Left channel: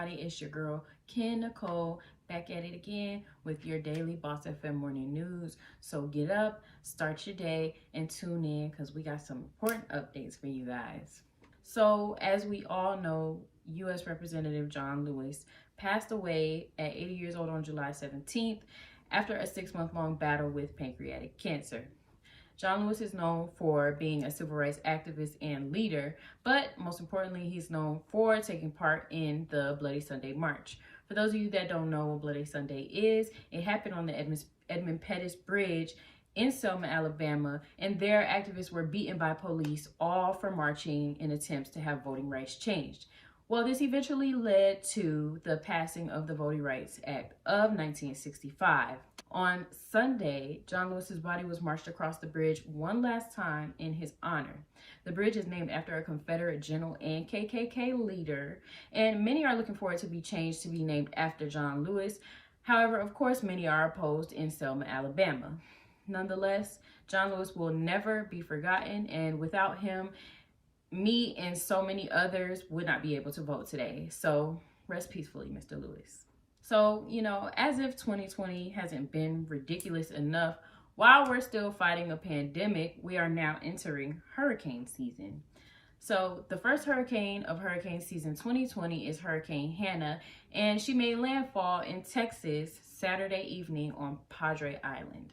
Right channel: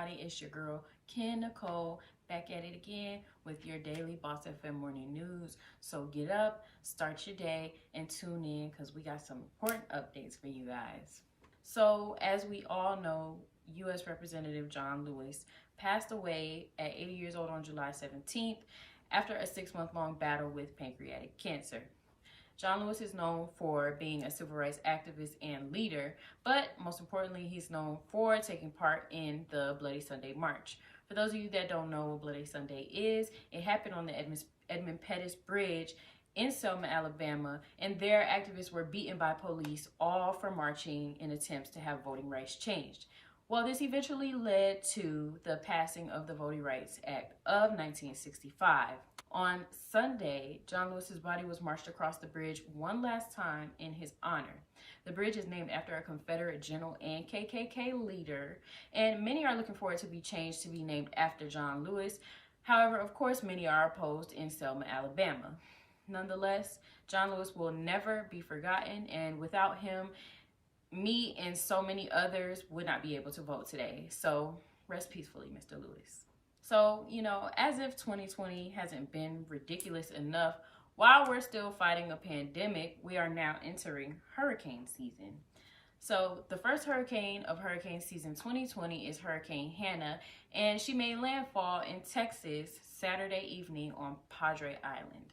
everybody, it's your girl Ken Na'Colle, back at it again with your daily Boss FM morning news. So get up, start your day, and tune in because we got some important updates for you guys. So as we all know, U.S. Representative John Lewis passed away at 80 years old on July 17th after a 6-month-long battle with pancreatic cancer. John Lewis is known for being a civil rights activist and leader, but most importantly, he's known for taking part in the Bloody Sunday March. For those of you that don't know what Bloody Sunday is, it happened on the Edmund Pettus Bridge in Selma, Alabama, and there activists were beaten by police, all for marching in attempts to have voting rights changed. Well, this eventually led to the passing of the Voting Rights Act of 1965. On Sunday, John Lewis's body was marched across the bridge one last time in his honor. The bridge is named after a Confederate general and KKK leader, and many are looking for it to be changed to be named after John Lewis. However, of course, many are opposed in Selma, Alabama. Nonetheless, John Lewis will never be forgotten, and without him, me and so many others would not be able to vote today. So rest peacefully, Mr. Lewis. So, as if 2020 hasn't been ridiculous enough, while we're still fighting a pandemic, we are now entering hurricane season. So the first hurricane of hurricane season 2020 is Hurricane Hanna, and she made landfall in Texas Saturday evening on Padre Island.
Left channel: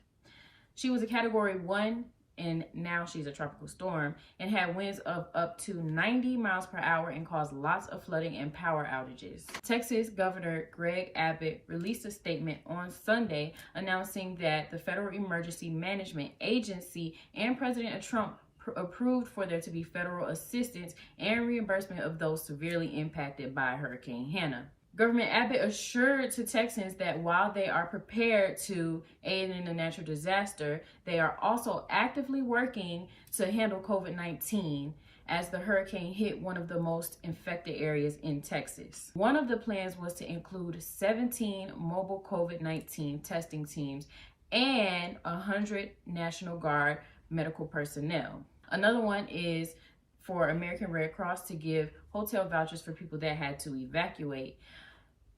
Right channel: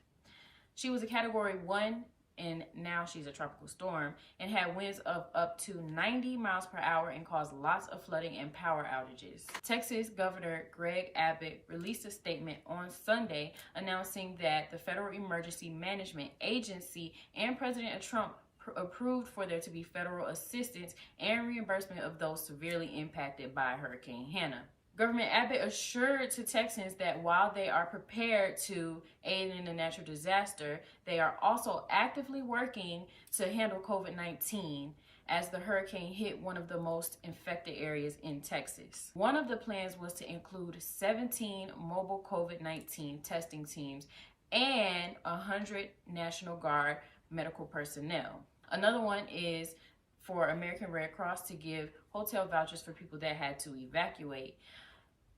She was a Category 1, and now she's a tropical storm, and had winds of up to 90 miles per hour and caused lots of flooding and power outages. Texas Governor Greg Abbott released a statement on Sunday announcing that the Federal Emergency Management Agency and President Trump approved for there to be federal assistance and reimbursement of those severely impacted by Hurricane Hanna. Governor Abbott assured to Texans that while they are prepared to aid in a natural disaster, they are also actively working to handle COVID-19 as the hurricane hit one of the most infected areas in Texas. One of the plans was to include 17 mobile COVID-19 testing teams and 100 National Guard medical personnel. Another one is for American Red Cross to give hotel vouchers for people that had to evacuate.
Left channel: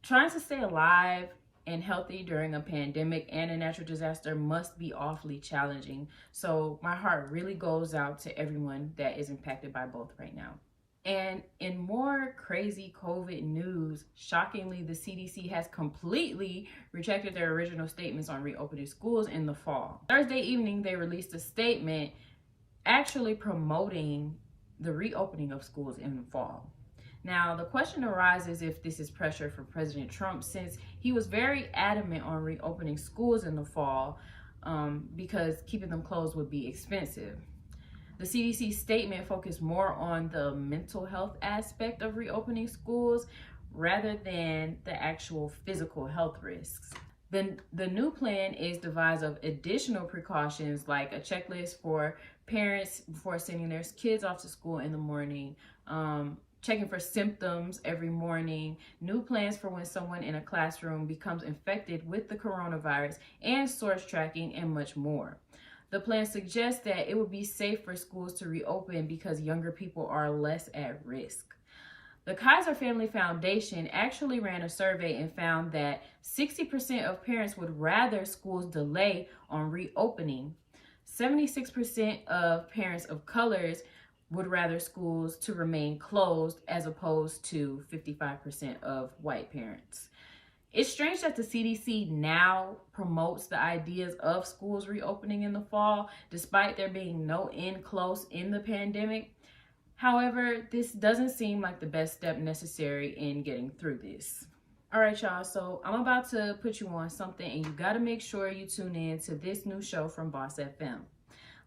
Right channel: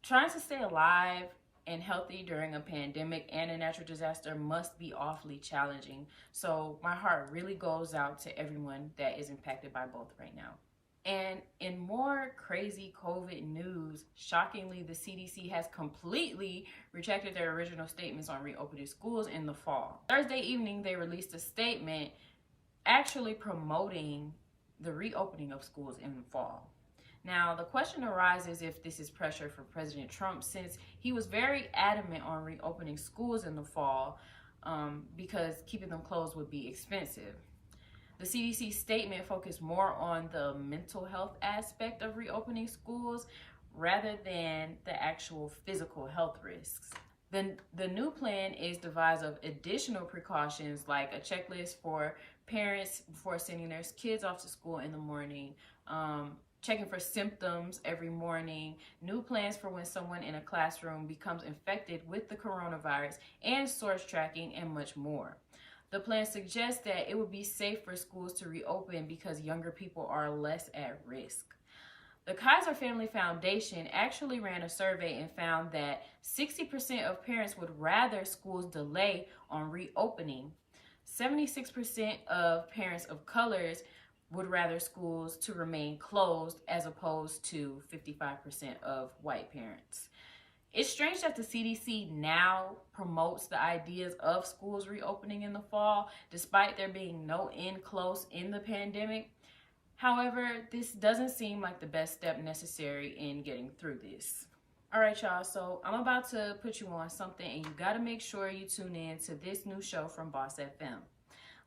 Trying to stay alive and healthy during a pandemic and a natural disaster must be awfully challenging. So my heart really goes out to everyone that is impacted by both right now. And in more crazy COVID news, shockingly, the CDC has completely retracted their original statements on reopening schools in the fall. Thursday evening, they released a statement actually promoting the reopening of schools in the fall. Now, the question arises if this is pressure for President Trump, since he was very adamant on reopening schools in the fall because keeping them closed would be expensive. The CDC statement focused more on the mental health aspect of reopening schools rather than the actual physical health risks. The new plan is devised of additional precautions like a checklist for parents before sending their kids off to school in the morning, checking for symptoms every morning, new plans for when someone in a classroom becomes infected with the coronavirus, and source tracking, and much more. The plan suggests that it would be safe for schools to reopen because younger people are less at risk. The Kaiser Family Foundation actually ran a survey and found that 60% of parents would rather schools delay on reopening. 76% of parents of colors would rather schools to remain closed as opposed to 55% of white parents. It's strange that the CDC now promotes the ideas of schools reopening in the fall, despite there being no end close in the pandemic. However, this doesn't seem like the best step necessary in getting through this. All right, y'all, so I'm about to put you on something, and you got to make sure you tune in to this new show from Boss FM.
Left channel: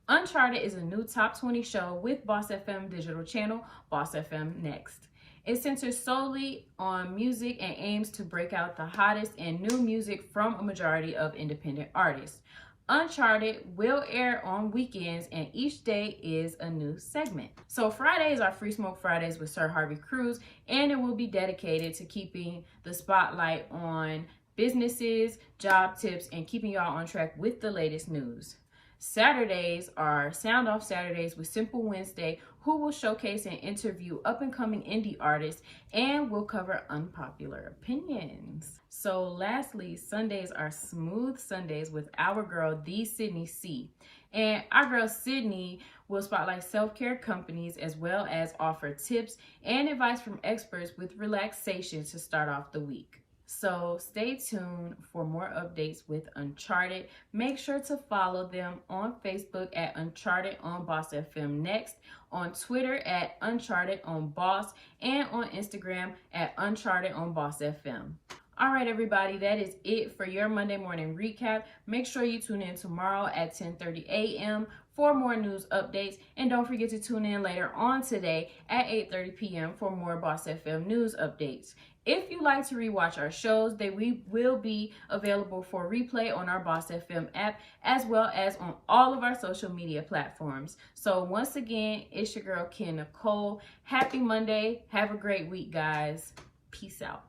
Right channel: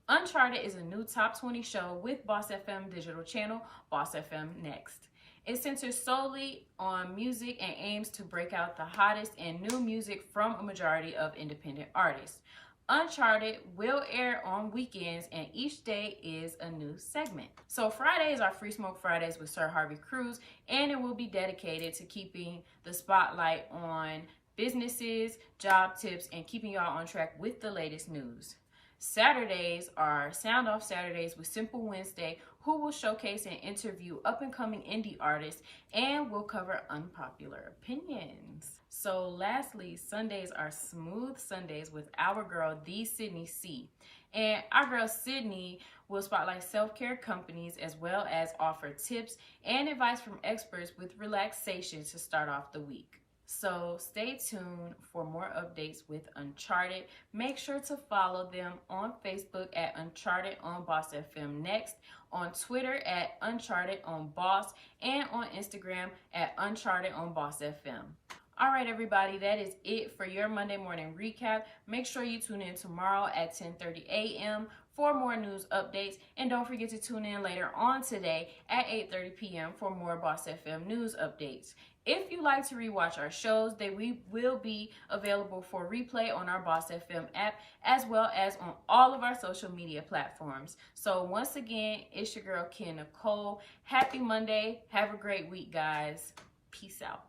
Uncharted is a new top 20 show with BossFM Digital channel, BossFM Next. It centers solely on music and aims to break out the hottest and new music from a majority of independent artists. Uncharted will air on weekends, and each day is a new segment. So Fridays are Free Smoke Fridays with Sir Harvey Cruz, and it will be dedicated to keeping the spotlight on businesses, job tips, and keeping y'all on track with the latest news. Saturdays are Sound Off Saturdays with Simple Wednesday, who will showcase and interview up-and-coming indie artists and will cover unpopular opinions. So lastly, Sundays are Smooth Sundays with our girl, the Sydney C. And our girl Sydney will spotlight self-care companies as well as offer tips and advice from experts with relaxation to start off the week. So stay tuned for more updates with Uncharted. Make sure to follow them on Facebook at Uncharted on BossFM Next, on Twitter at Uncharted on Boss, and on Instagram at Uncharted on BossFM. All right, everybody, that is it for your Monday morning recap. Make sure you tune in tomorrow at 10:30 a.m. for more news updates. And don't forget to tune in later on today at 8:30 p.m. for more BossFM news updates. If you like to rewatch our shows, they will be available for replay on our BossFM app, as well as on all of our social media platforms. So once again, it's your girl, Ken Na'Colle. Happy Monday. Have a great week, guys. Peace out.